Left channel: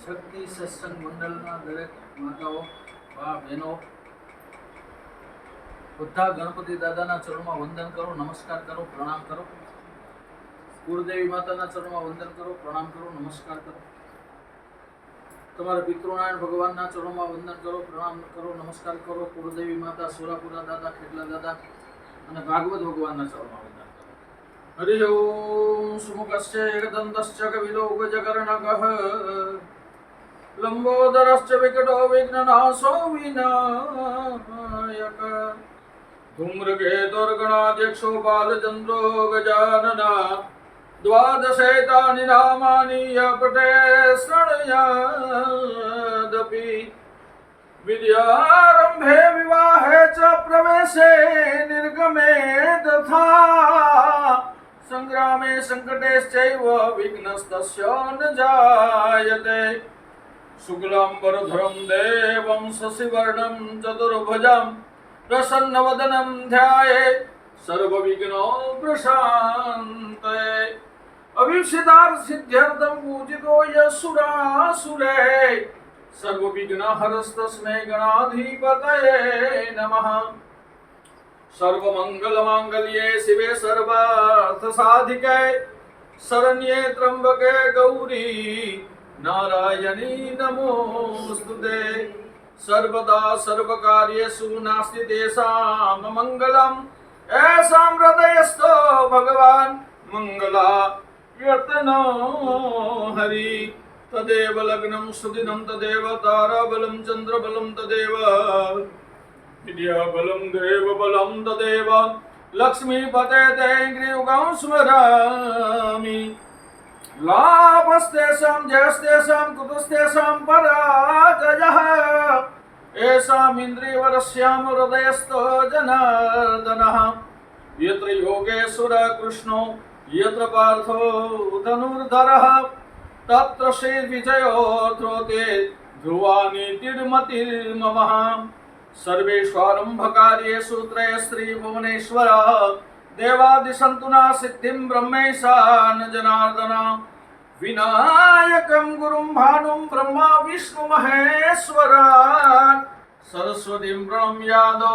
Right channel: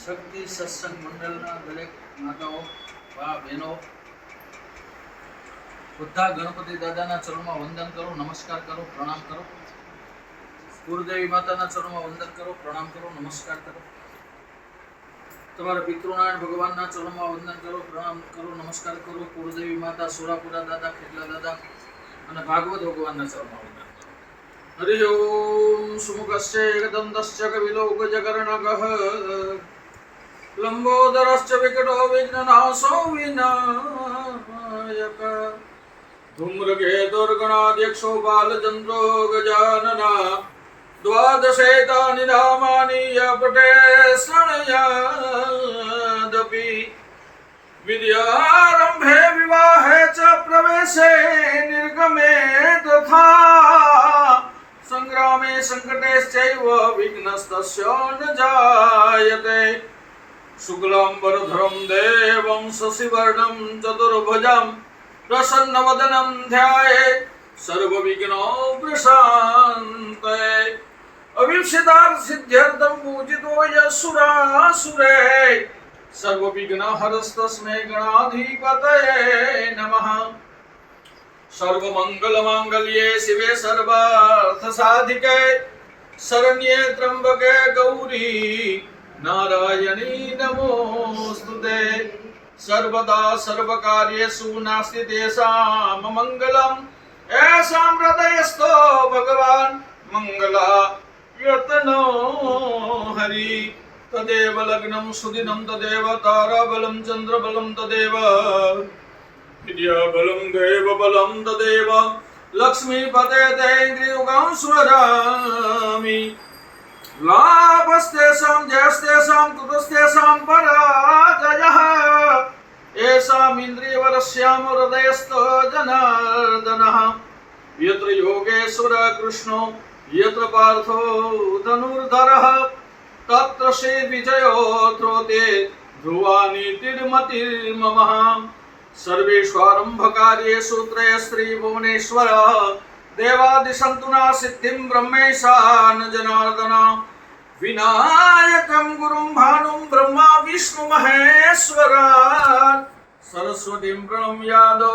શક્તિ સત્સંગ મંડળના દરેક માતાઓ, બા, બહેનો, બધા ગણપતિ દાદાના ચરણમાં વંદન કરો, નમસ્કાર કરો, પ્રણામ કરો. કુળદેવી માતાના ચરણમાં વંદન કરો, પ્રણામ કરો, નમસ્કાર કરો. તમારા પિતૃનારાયણ ભગવાનના ચરણમાં વંદન કરો, પ્રણામ કરો, નમસ્કાર કરો. કુળદેવી માતા, સુરાપુરા દાદા, ખેટલા દાદા અને ભાગવત ભગવાનના ચરણમાં વંદન કરો. હરિ ઓમ. સુમુખસ્ય એકદંતસ્ય કવિલોકજકર્ણકઃ લંબોદરશ્ચ વિકટો વિઘ્નનાશો વિનાયક ધૂમ્રકેતુર્ગણાધ્યક્ષો બાલચંદ્રો ગજાનના દ્વાદશેતાનિ નામાનિ યપટે શૃણુયાદપી વિદ્યારંભે વિવાહે ચ પ્રવેશે નિર્ગમે તથા સંગ્રામે સંકટેશ્ચૈવ વિઘ્નસ્તસ્ય ન જાયતે શુક્લાંબરધરં દેવં શશિવર્ણં ચતુર્ભુજં પ્રસન્નવદनं ધ્યાયેत् સર્વવિઘ્નોપશાन्तये અભીપ્સિતાર્થ સિદ્ધ્યર્થં પૂજિતો યસુરાસુરે સર્વવિઘ્નહરસ્તસ્મૈ ગણાધિપતયે નમઃ. સર્વમંગલમાંગલ્યે શિવે સર્વાર્થસાધિકે શરણ્યે ત્ર્યંબકે ગૌરી નારાયણી નમોસ્તુતે. સર્વદા સર્વકાર્યેષુ નાસ્તિ તેષાં મંગલં એષાં હૃદયસ્થો ભગવાન મંગલાયતનો હરિ. તદેવ લગ્નમ સુદિનમ તદેવ તારાબલમ ચંદ્રબલમ તદેવ વિદ્યાબલમ દેવબલમ તદેવ લક્ષ્મીપતે તૈન્દ્રિયુગં સ્વરામિ. લાભસ્તેષાં જયસ્તેષાં કૃતસ્તેષાં પરાજયઃ એષાં ઇન્દ્રિયવરસ્યામ હૃદયસ્થો જનાર્દનઃ. યત્ર યોગેશ્વર કૃષ્ણો યત્ર પાર્થો ધનુર્ધરઃ તત્ર શ્રી વિજયોત્રોતે ધ્રુવાની તિર્મતિર્મમઃ. સર્વેષ્વારંભકાર્યેષુ ત્રયસ્ત્રી ભુવનેશ્વર દેવાદિસંતુના સિદ્ધિં બ્રહ્મેશાન જનાર્દન. વિનાયકં ગુરું ભાનું બ્રહ્મા વિષ્ણુ મહેશ્વર સરસ્વતીં પ્રણમ્યાદો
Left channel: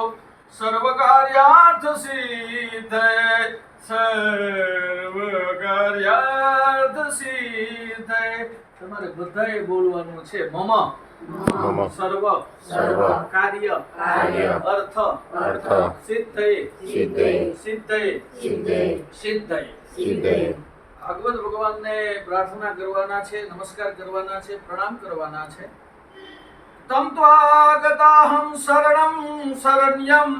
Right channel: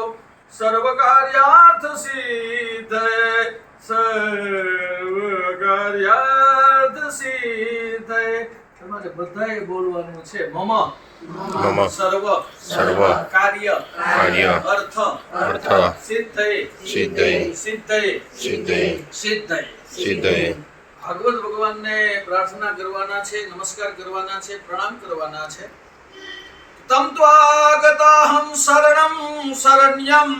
સર્વકાર્યાર્થ સિદ્ધયે સર્વકાર્યાર્થ સિદ્ધયે. તમારે બધાએ બોલવાનું છે મમ સર્વ સર્વ કાર્ય અર્થ સિદ્ધયે સિદ્ધયે સિદ્ધયે સિદ્ધયે સિદ્ધયે. સિદ્ધયે. ભાગવત ભગવાનને પ્રાર્થના કરવાના છે, નમસ્કાર કરવાના છે, પ્રણામ કરવાના છે. તમ ત્વાગતાહં શરણં શરણ્યં